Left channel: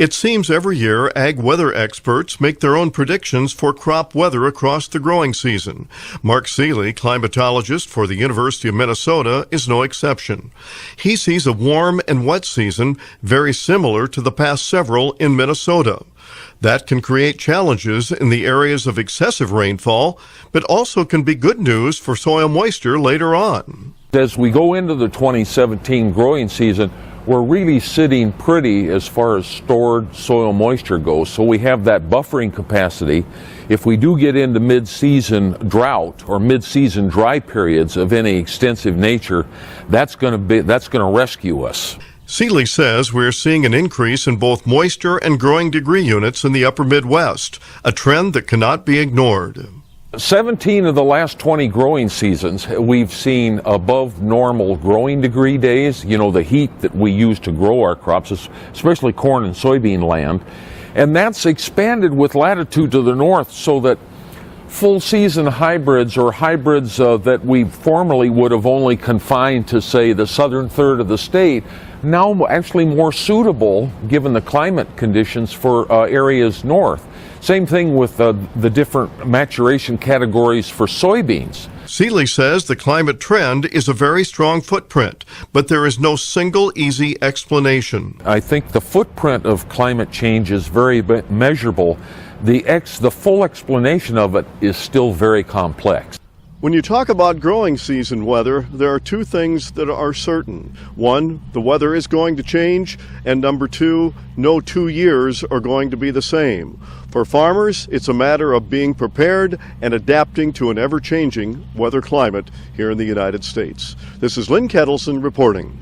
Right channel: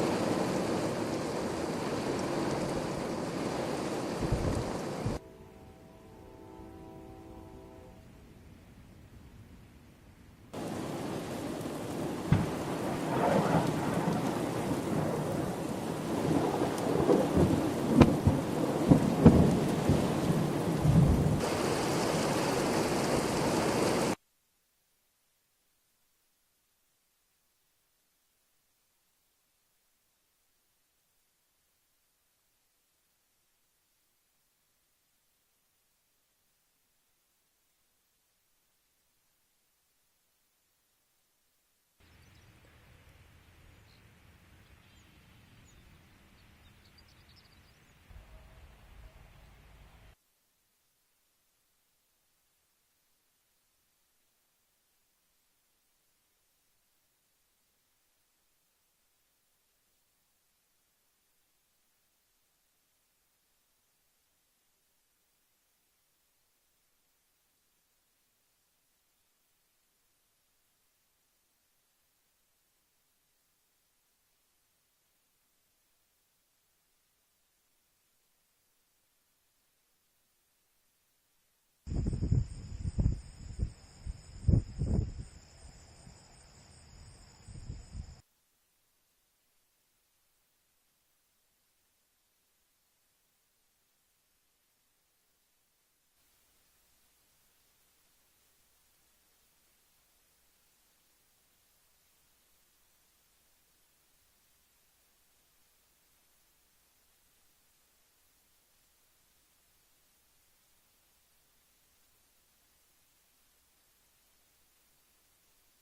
It seems every year ag weather experts make their own predictions for crop weather across the growing season. Mark Seeley, climatologist for the University of Minnesota, is no exception. He sees a warm and wet season very similar to the past several in Minnesota. That can create challenges in the areas of excessive rainfall, but also can be good news for soil moisture later on. As we go into the 2017 growing season, we're really sitting pretty as far as stored soil moisture goes. So we have that buffering capacity. If we do get into mid-season drought or mid-season dry periods of any extensive nature, that's going to rescue us. Seeley says we're seeing an increase in both moisture and growing degree units in the upper Midwest, a trend that cannot be ignored. 17 of the last 20 growing seasons, we've seen above normal growing degree days, the heat that we use to grow our crops, especially corn and soybean land. And that's expanded with latitude to the north so that full season hybrids or hybrids that we formerly would have only confined to, say, the southern third of the state, now actually more suitable given the climate conditions for areas north. Same thing with the different maturation categories for soybeans. Seeley says the climate trend is a very strong footprint, but there is no single easy explanation. I think the footprint of climate change is very measurable. The full explanation of it is still very complex. When you talk about growing season weather, there are two things that are certain. One, the weather is going to change, and number two, no 2 years are going to be the same. For farmers, it's a matter of being prepared and adapting to an ever-changing weather climate here in the United States. This is Lynn Ketelsen reporting.